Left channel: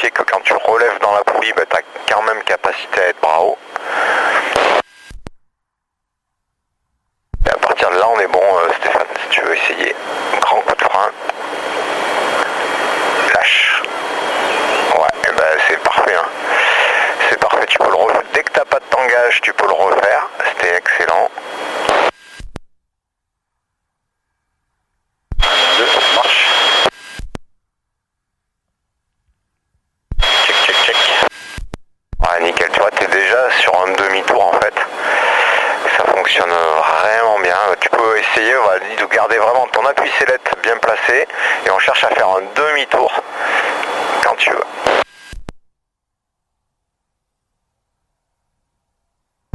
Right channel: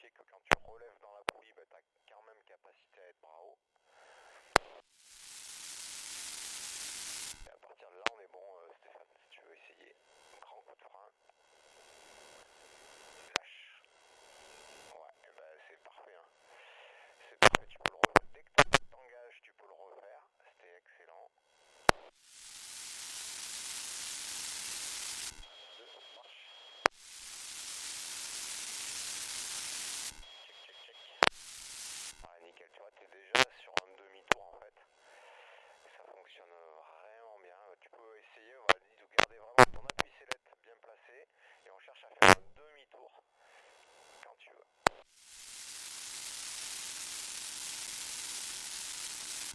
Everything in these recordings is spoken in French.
vérifier que quand tu relèves dans la poulie, tu as quand même capacité à être bras haut. Et à partir de là, on est bon, Stéphane, si tu veux essayer. Grand coup de frein. Lâche. Ouais, et c'est parfait. Hein. C'est parfait, tu peux le refaire. Dès que tu n'as pas de tangage, tu peux le refaire. C'était excellent. Marche. Check. Ouais, nickel, tu vois, tu es déjà sur un demi-tour en fait. Ça fonctionne vraiment bien. Tu peux essayer de garder vraiment ton appui sellette bien placé et on cherche à faire un demi-tour quand tu veux.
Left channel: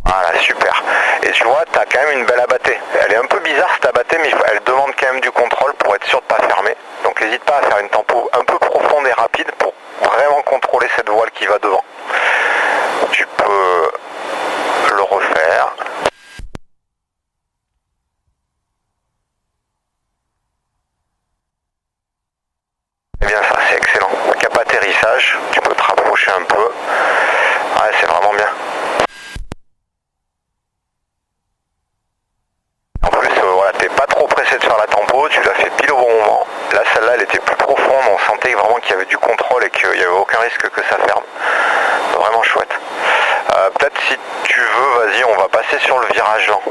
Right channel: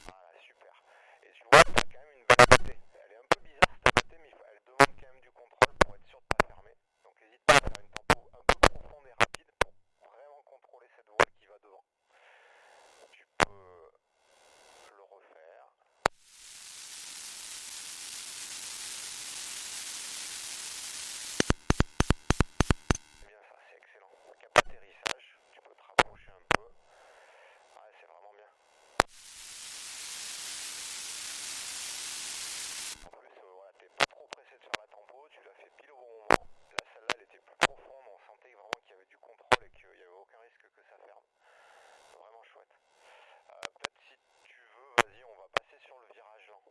Voilà, super. Et tu vois, tu as quand même une belle abattée. Elle est un peu bizarre cette abattée, mais elle demande quand même du contrôle pour être sûr de ne pas fermer. Donc n'hésite pas à faire une tempo un peu profonde et rapide pour vraiment contrôler cette voile qui va devant. Tu peux le refaire. Et bien ça, c'est excellent. Cap atterrissage, tu peux te rapprocher un peu. Ouais, c'est vraiment bien. En plus, voilà, t'es pas trop pressé de faire la tempo, tu l'as fait pile au bon moment. Là, celle-là, elle était plus profonde, on sentait vraiment qu'il y avait du contrôle et qu'il n'y avait aucun risque que ça ferme. Vraiment chouette. Peut-être si tu veux, vas-y, on va passer sur le virage lent.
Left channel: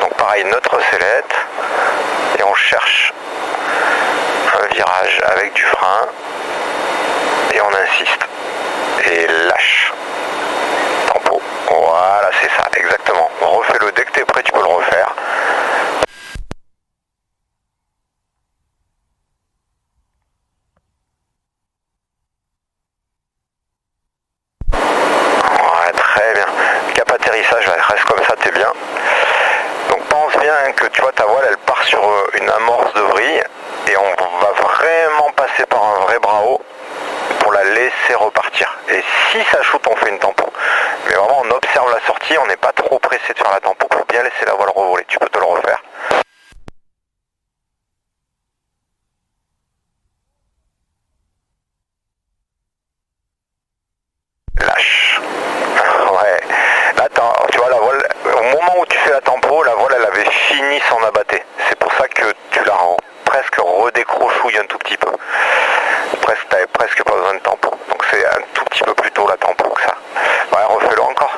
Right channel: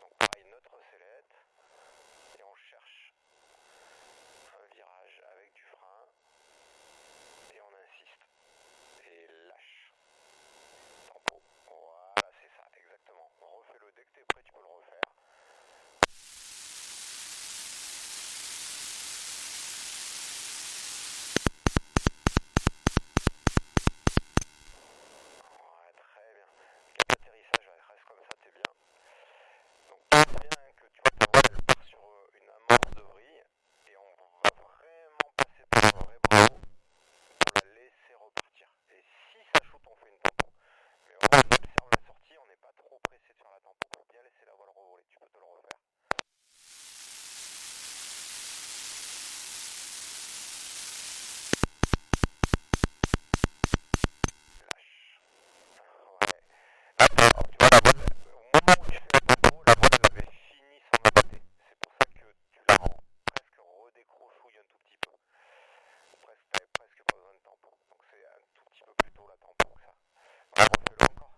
Donc pareil, notre sellette, et on cherche un virage avec du frein, et on insiste, et lâche. Tempo. Voilà, c'est ça, exactement. Refais-le dès que tu es prêt, tu peux le refaire. Ouais, très bien. Cap atterrissage, reste comme ça, t'es bien. Donc pense bien que tu vois ta voile, elle part sur une amorce de vrille et on va vraiment passer par un vrai bras haut pour la laisser repartir. Et si ça shoot, on fait une tempo. Mais vraiment, on observe la sortie, on n'est pas trop pressé de faire la tempo pour bien laisser la voile revoler. Tu peux te le refaire. Lâche. Ouais. Là, tu vois, la voile, au moment où tu fais la tempo, la voile, elle avait fini son abatté. C'est pour ça que tu la rends presque redécrochouille un tout petit peu. T'avais presque pas besoin de tempo. Donc c'est un tout petit peu plus tôt la tempo que ça. Ouais, refais-le encore.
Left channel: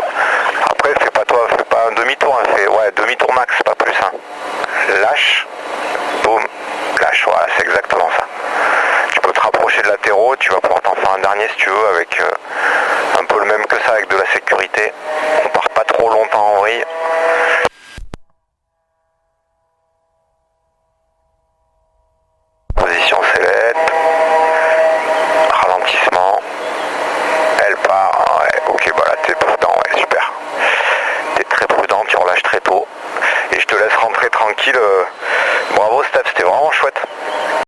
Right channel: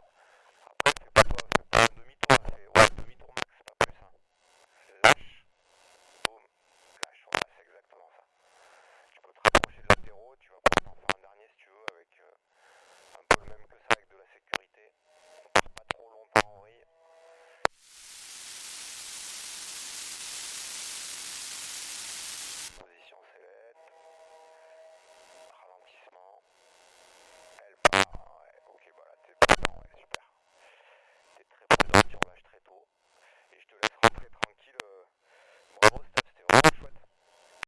Après, fais pas un demi-tour, hein, fais demi-tour max, pas plus. Hein. Lâche, boum, lâche, voilà, c'est exactement ça. Tu peux te rapprocher de latéraux, tu vas pouvoir t'en faire un dernier si tu veux, avec un peu le même que ça, avec de la sécurité. On part pas trop longtemps en vrille. Position sellette. Ralentissement. Elle part. Ouais, ok, bah là t'es prudent, ouais, super. T'es très prudent, tu relâches très tôt. Et je te laisse rentrer tranquille. Bravo Steph, c'était vraiment chouette.